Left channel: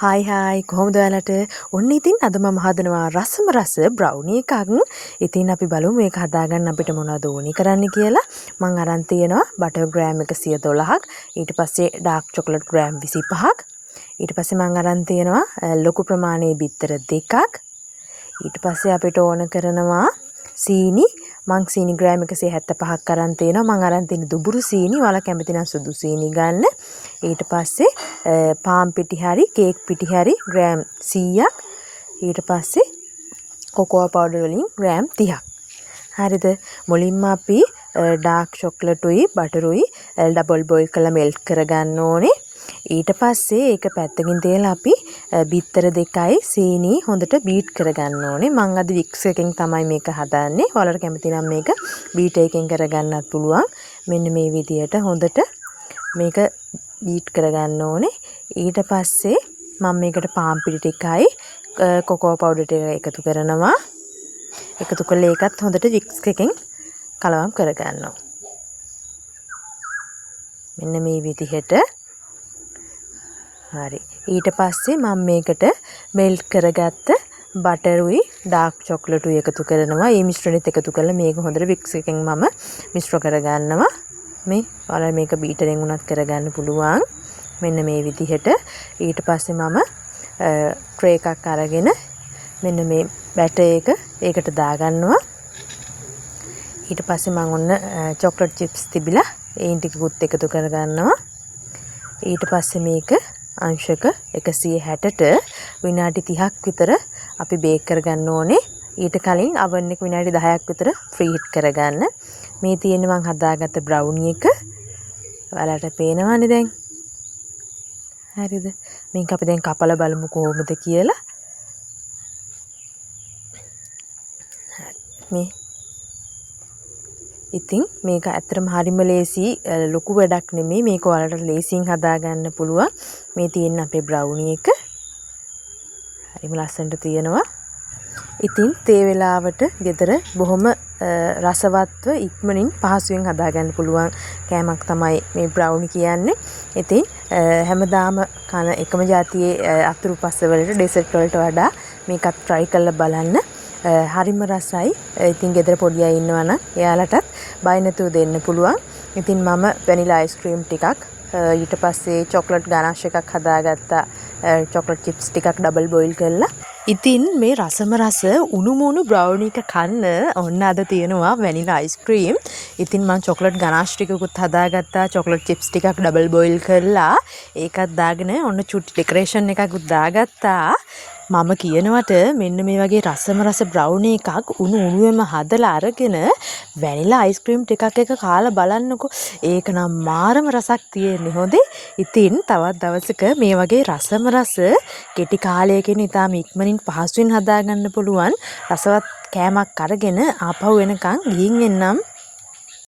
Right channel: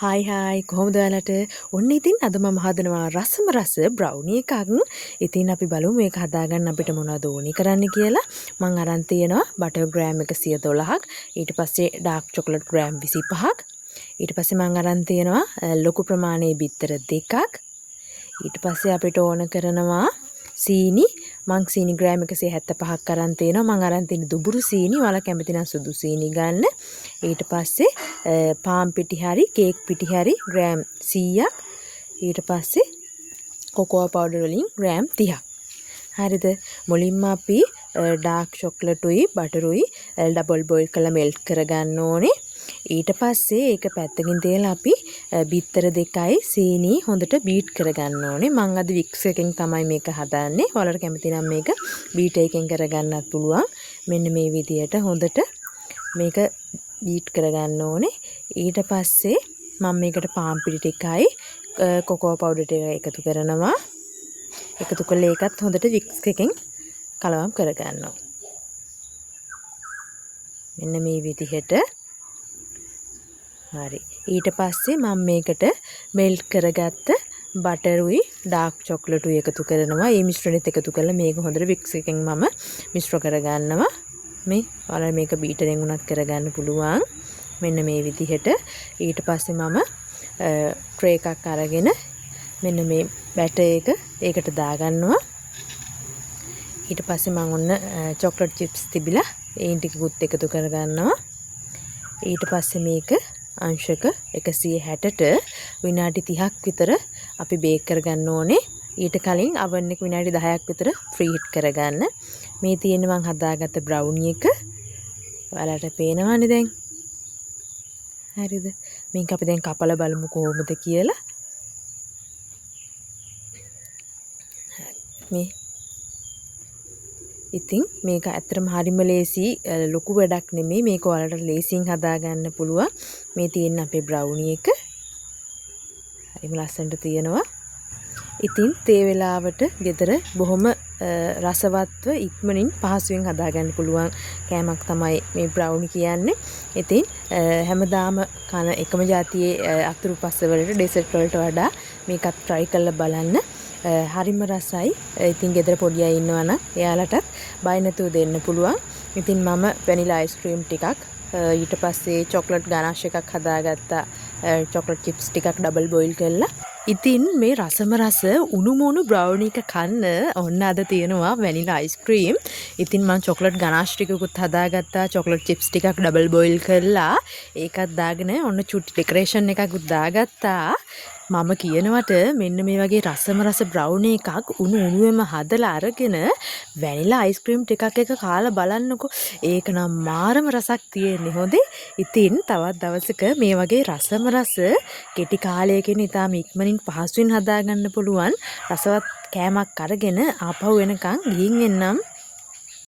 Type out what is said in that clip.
Hi කොහොමද ඔයාලට? ඔන්න ඉතින් අද මම හදනවා රසම රස බ්‍රවුනි එකක්. ඉතින් අපි බලමු මේක හදාගන්න අපිට මොනවද ඕනි කරන්න කියලා. මම අරන් තියෙනවා බටර් ග්‍රෑම් 110ක්. ඊට පස්සේ ඩාර්ක් චොකලට් ග්‍රෑම් 25ක්. ඊට පස්සේ මම අරන් තියෙනවා ලොකු ප්‍රමාණයේ බිත්තර දෙකක්. ඊට පස්සේ අපිට ඕන කරනවා සීනි. මං සීනි ග්‍රෑම් 175ක් අරන් තියෙනවා. මං අරන් තියෙන දුබුරු සීනි. ඔයාලා කැමති නම් සුදු සීනි ගන්න. ඊට පස්සේ පාන් පිටි හරි කේක් පිටි හරි ග්‍රෑම් 100ක්. ඊට පස්සේ කොකෝ පවුඩර් වලින් ග්‍රෑම් 30ක්. හරිද? මුලින්ම අපි ඩාර්ක් චොක්ලට් උයි බටර් උයි ඩබල් බොයිල් කරලා මෙල්ට් කරගන්න ඕනේ. ඊට පස්සේ ඒක පැත්තකින් තියලා අපි බිත්තර දෙකයි සීනි හොඳට බීට් කරගන්න ඕනේ. මම අද වික්ස් එකෙන් තමයි මේක හදන්නේ. ඔයාලට කැමති නම් මේක බීටර් එකෙන් කරගන්නත් පුළුවන්. මෙන්න මේ විදියට හොඳට මේක බීට් කරගන්න ඕනේ. ඊට පස්සේ මම මේකට පාන් පිටි ටිකයි කොකෝ පවුඩර් ටික එකතු කරනවා. එකතු කරලා ඒකත් හොඳට වික්ස් එකෙන් කලවම් කරගන්නවා. මෙන්න මේ විදිහට. හරි. ඊට පස්සේ මම මේකට මෙල්ට් කරගත්ත බටර් උයි ඩාර්ක් චොක්ලට් උයි එකතු කරනවා. මේ මිශ්‍රණෙත් එකතු කරලා මේක හොඳට වික්ස් එකෙන් මම මිශ්‍ර කරගන්නවා. මේ ඔයාලා මේක බීටරෙන් උනත් කරගන්න පුළුවන්. මෙන්න මේ විදිහට. ඊට පස්සේ මම ට්‍රේ එකක් අරගෙන මෙන්න මේ බැටර් එක ඒකට දාගන්නවා. ඊට පස්සේ මම ඔන්න චොක්ලට් චිප්ස් තිබිලා ඒන් ටිකකුත් එකතු කරගන්නවා. ඊට පස්සේ මේක අංශක 160ට විනාඩි 30ක් විතර අපි බේක් කරගන්න ඕනේ. ඊට කලින් oven එක විනාඩි 10ක් විතර ප්‍රී හීට් කරගන්න. මේ තියෙන්නේ මම හදාගත්ත බ්‍රවුනි එක. ඔයාලට පේනවනේ දැන්. හරිද? මේක අපි දැන් කපලා බලමු කොහොමද කියලා. මේ ඉතින් මේක ඇත්තටම හරිම ලේසි ලොකු වැඩක් නෙමෙයි. මේක ඔයාලට ලේසියෙන් හදාගන්න පුළුවන්. මේ තියෙන අපේ බ්‍රවුනි එක. හරිම ලස්සනට තියෙනවා. ඉතින් තේ වෙලාවට ගෙදර බොහොම රසවත්ව ඉක්මනින් පහසුවෙන් හදාගන්න පුළුවන් කෑමක් තමයි මේ බ්‍රවුනි කියන්නේ. ඉතින් හැමදාම කන එකම જાතියේ අතුරු පස්ස වලට ඩෙසර්ට් වලට වඩා මේකත් try කරලා බලන්න. හරිම රසයි. ඉතින් ගෙදර පොඩි අය ඉන්නවා නම් එයාලටත් බය නැතුව දෙන්න පුළුවන්. ඉතින් මම වැනිලා අයිස්ක්‍රීම් ටිකක් ඊට පස්සේ චොක්ලට් ගනාෂ් එකක් හදාගත්තා. චොක්ලට් චිප්ස් ටිකක් ඩබල් බොයිල් කරලා. ඉතින් මේ රසම රස උණුමුණු බ්‍රවුනි එක කන්න ඔන්න අද තියෙනවා වැනිලා අයිස්ක්‍රීම්. ඉතින් මම චොක්ලට් ගනාෂ් ටිකකුත් හදාගත්තා. චොක්ලට් චිප්ස් ටිකක් ඩබල් බොයිල් කරලා ඒකත් දාගෙන ඔන්න චුටි ඩෙකරේෂන් එකකුත් දාගත්තා. මම කියනවට මෙන්න මේ වගේ රසම රස බ්‍රවුනි එකක් උණු උණුවෙම හදලා අරගෙන වැනිලා අයිස්ක්‍රීම් ටිකක් එක කාලා බලන්නකෝ. ඒක නම් මාරම රසක් තියෙන්නේ. හොඳේ. ඉතින් තවත් දවසක මේ වගේ රසම රස කෙටි කාලයකින් ඉතාම ඉක්මනින් පහසුවෙන් හදාගන්න පුළුවන් රසවත් කෑමක් අරගෙන ආපහු එනකන් ගිහින් එන්නම්.